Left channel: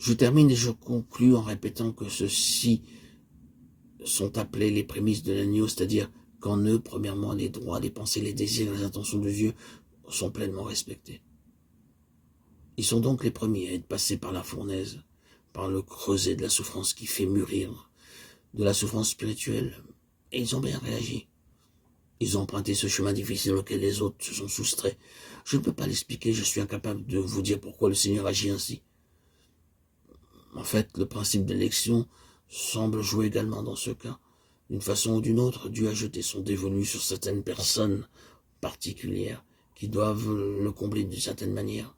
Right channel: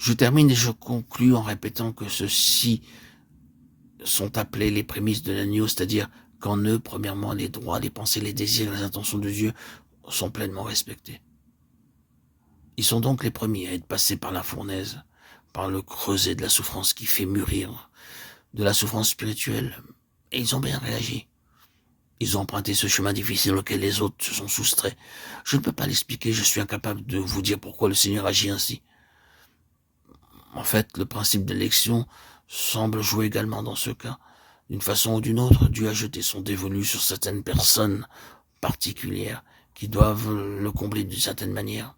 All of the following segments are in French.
Je termine et je conclus en répétant que ceux-ci sont appelés les prémices de l'agneau, c'est-à-dire qu'en eux, premièrement, les droits, les pensées, les désirs, les intentions de Dieu sont pleinement respectés. Ils sont donc les premiers à être passés par la fournaise, par le creuset de la souffrance qui fait mûrir, de la souffrance spirituelle, et ils ont bien réagi. Ils ont emprunté ce chemin difficile auquel les autres se sont soustraits. Je ne peux pas l'expliquer, je suis incapable de vous dire pourquoi le Seigneur agit ainsi. En fait, le principe d'élection semble jouer également dans ce cas. D'une façon ou d'une autre, Dieu a jeté son dévolu sur certaines personnes particulières qui doivent le combler d'une certaine manière.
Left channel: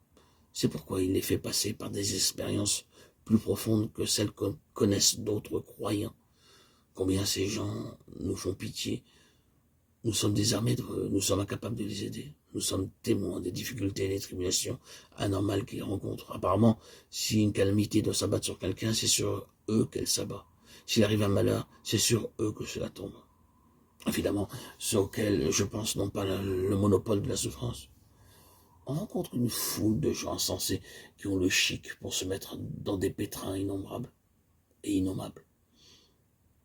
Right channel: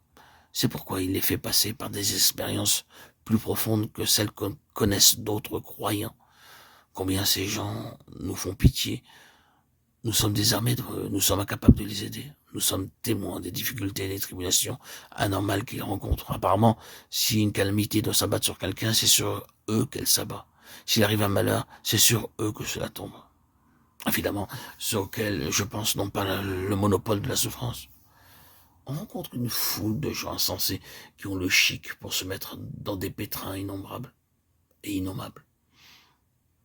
C'est pourquoi il les fait passer par des expériences plus profondes que celles que connaissent d'autres croyants. Combien ces gens nous font pitié. Nous sommes désarmés, nous sommes incapables de les aider. Nous sommes témoins des difficultés et des tribulations anormales qu'ils rencontrent. Apparemment, si une calamité doit s'abattre sur quelqu'un, c'est sur eux qu'elle s'abat. S'il arrive un malheur, c'est sur eux que cela tombe. Évidemment, ceux auxquels je pense n'ont pas le monopole de la souffrance. On rencontre une foule de gens insensés qui ont le chic pour se mettre dans des pétrins innombrables et innommables.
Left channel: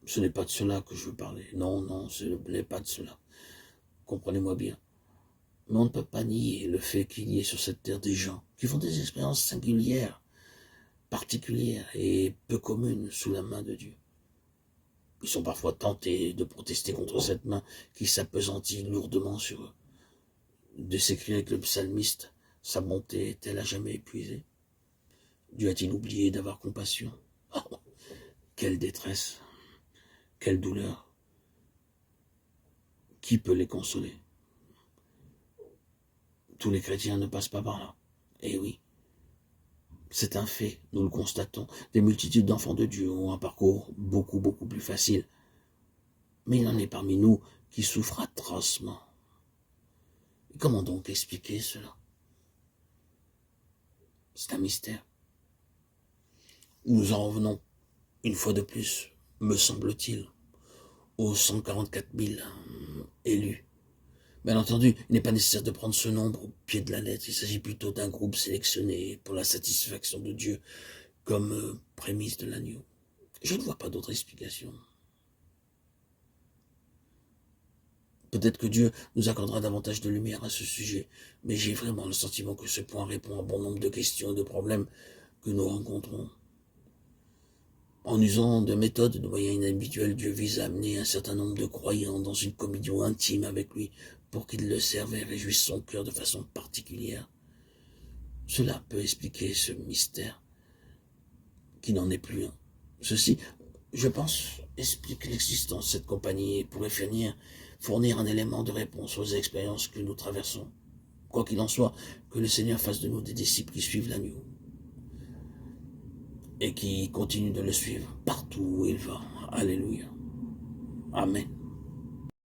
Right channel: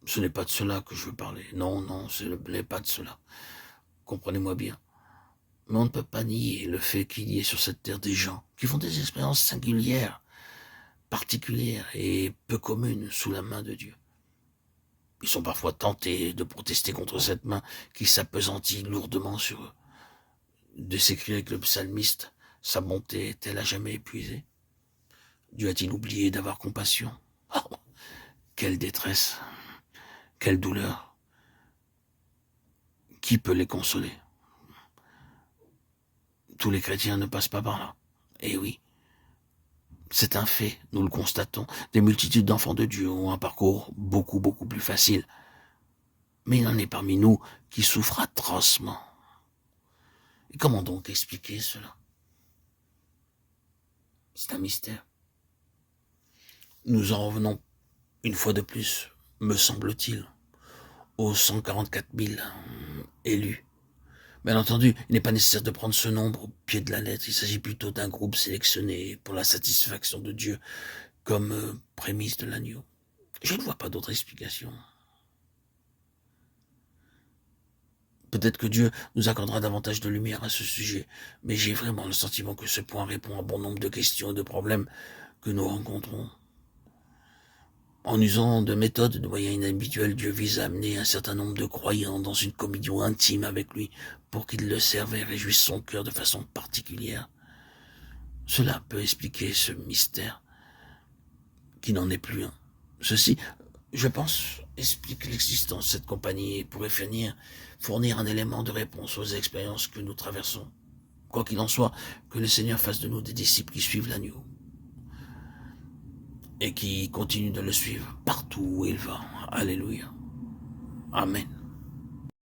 Ce n'est pas de cela que je veux parler. Non, non, ce n'est pas de cela. Comprenez-moi bien. Mais on ne peut pas nier le fait qu'il y ait sur cette terre des gens qui font des expériences singulières, particulières et peu communes sous la main de Dieu. Ils sont parfois tentés de protester contre cette main qui s'appesantit lourdement sur eux, de s'écrire avec le psalmiste, sa bonté est-elle à jamais épuisée? Dieu a-t-il oublié d'avoir compassion? Oh, quelle détresse, quelle douleur! Qui peut les consoler? Tous les chrétiens ne passent pas par là. Eh oui, c'est un fait, nous le constatons. Des multitudes d'enfants de Dieu ont un parcours beaucoup plus facile. Mais il y en est parmi nous qui souffrent atrocement. Et comment donc expliquer cela? C'est un mystère. Nous en revenons une fois de plus, me semble-t-il, aux 144 000 élus. Bien entendu, il n'est pas nécessaire de prendre ce nombre au pied de la lettre. Il s'agit plutôt d'un groupe sélectionné pour la satisfaction de Dieu comme prémisse de l'agneau. Je ne vois pas d'autre explication. Peut-être que Dieu nous accordera davantage de lumière à ce sujet, mais j'ai vraiment le sentiment que ce point répond à bon nombre de questions et de problèmes que nous rencontrons. En usant de méthodes et de moyens inhabituels, Dieu vise à amener un certain nombre de croyants dans une communion intime avec lui pour qu'ils le servent et réjouissent son cœur de façon particulière. Cela peut expliquer ce mystère qui n'en est plus un. Ceci, je pense, explique l'existence de cette compagnie et pourrait fournir un élément de réponse aux expériences que nous traversons. Quoi qu'il en soit, que le Seigneur fasse de nous des disciples qui suivent l'agneau et qui continuent de le suivre partout où il va. Alléluia. Amen.